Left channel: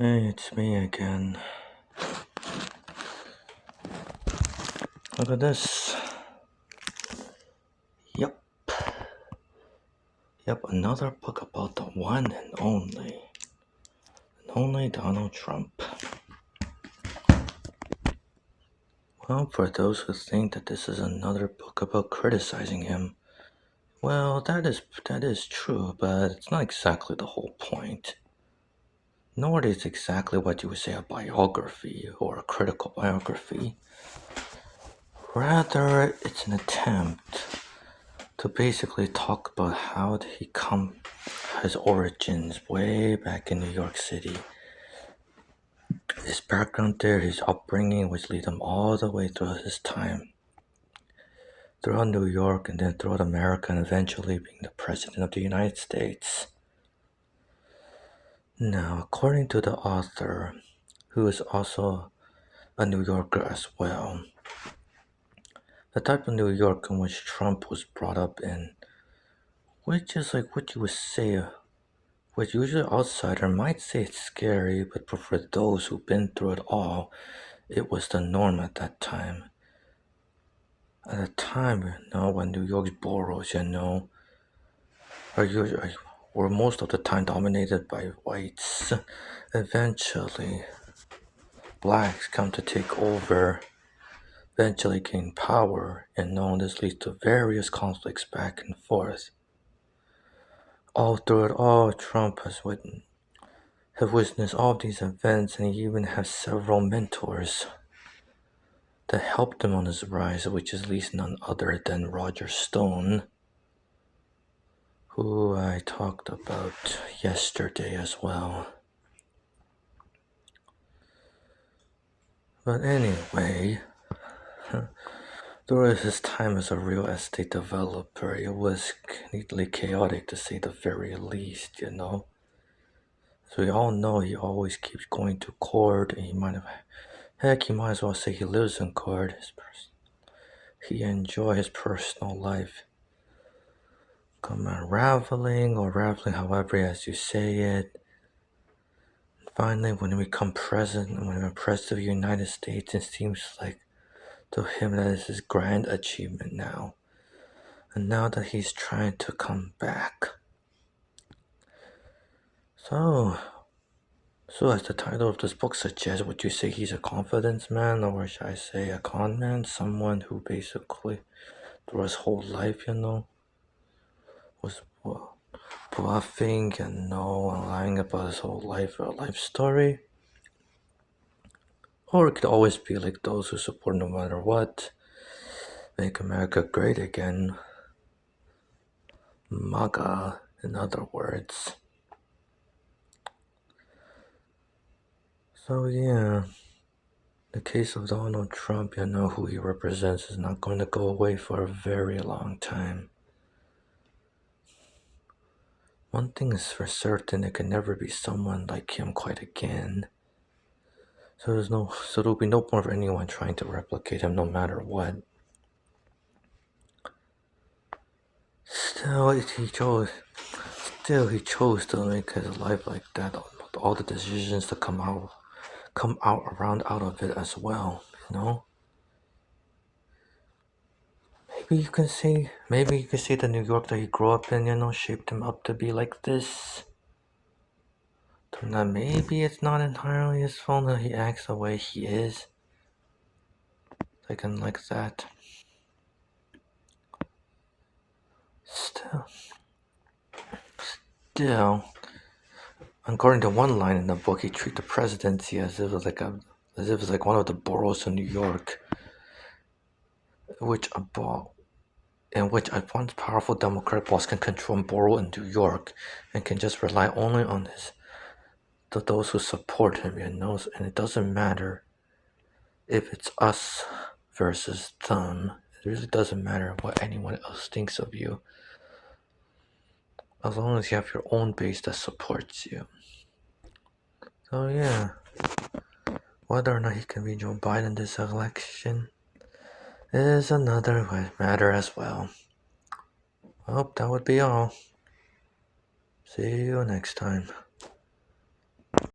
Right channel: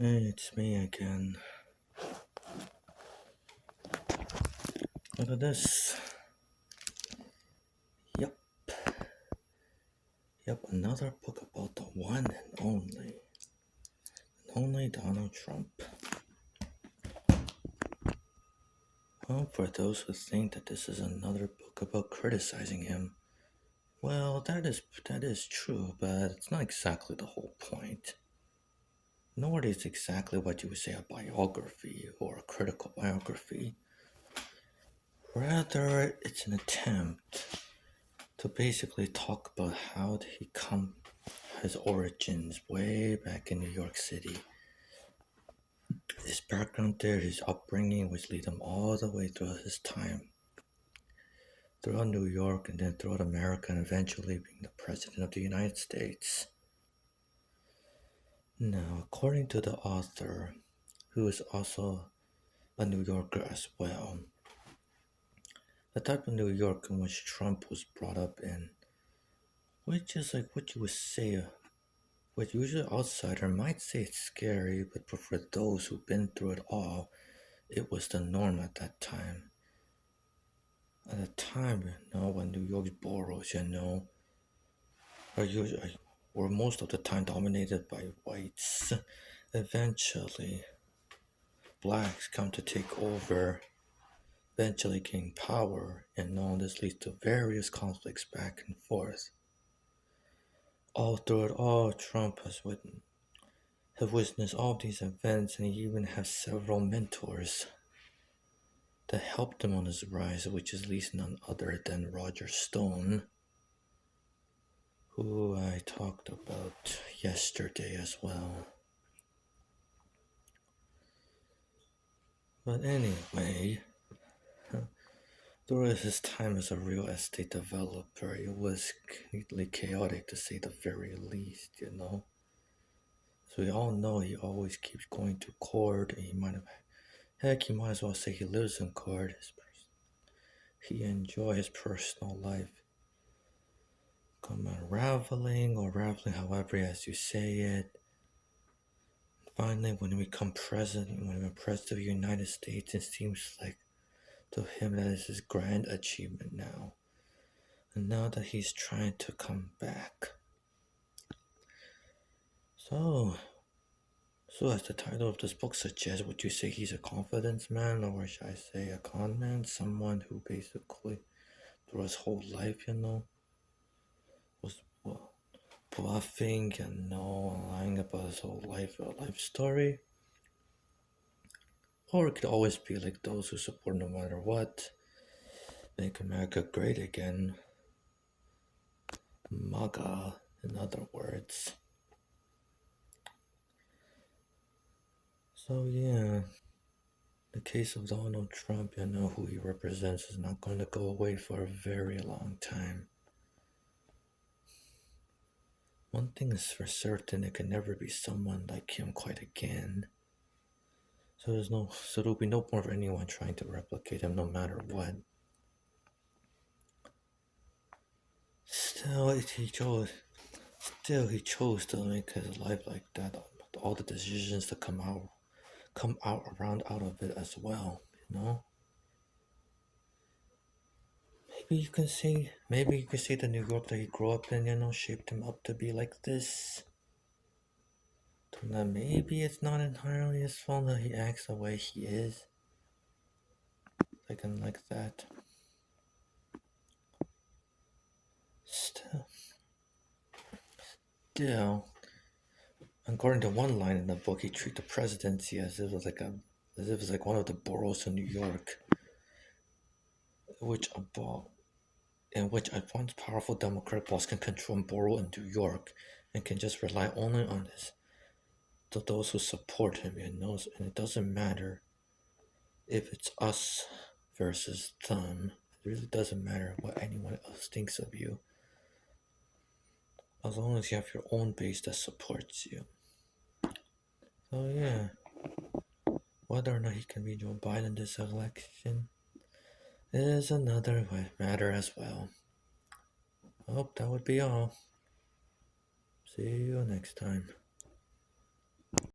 Hey, it's me again. Look at this. Yep. Another book about the one and only Donald Trump. Well, for those who think that this is another book about criticizing him, well, that is true, but it's not exactly the whole point. Nor is it exactly what you would say a biography or a critical biography. Rather, it's an attempt to basically talk about how he come his origins way back in New York City. His background there, his upbringing, which lead him all the way through his time throughout New York and then throughout America and eventually being the President of the United States. Now, according to the author, who is also a New Yorker as well, the type of New York in which Trump was brought up in, which is like what you would say, what usually outsider might say it's scary, but for those who've been through it all, it was the norm at that time. At a time, when New York's boroughs, are usually were most of the time dominated by whites. Eventually, blacks come to take over, eventually gain power, and this leads to various conflicts back and forth. All through it all, Trump have witnessed all these events, and he even has several mentors that helped him on his rise, which is at least none other than Roger Stone, who I talked about yesterday as well. But anyway, through his time as a real estate developer, it was neatly chaotic to say the very least, So we all know he always keeps going to court, and he might as well say he lives in court. He enjoys his personal life. Come unraveling or raveling, however as you say it. Finally, when he become president, when he president of the United States, it seems like to him that is his grand achievement now. And now that he's trying to come back. So as the title of this book suggests, would you say he's a confidence man, or should I say a con man? Someone who basically, through his whole life, was bluffing and lying about his whole life or life story? Or it could always be like those who support no matter what, make America great again. MAGA, in other words. So yeah, the case of Donald Trump, who he represents, is not going to go away for a very long time. One thing is for certain, it can never be someone like him quite again. So there'll be no more of anyone trying to replicate him no matter what. Still, he chose to make his life like that. All the decisions to come out out of it as well. Maybe you can say the New York that he grew up in, shaped him up to be like this. Now maybe it's not entirely his fault that he acts the way he is. Like that. Still, according to one line in the book, he treated the presidency as if it was like one of the boroughs of New York, in which a once powerful Democrat boss can control a borough in New York and can just rely only on those who support him, and it doesn't matter if it's us versus them. It really doesn't matter what anyone else thinks of you, as long as you have your own base that supports you. So yeah, whether or not he can be Joe Biden this election is another matter as well. Well, that would be all. See you next time.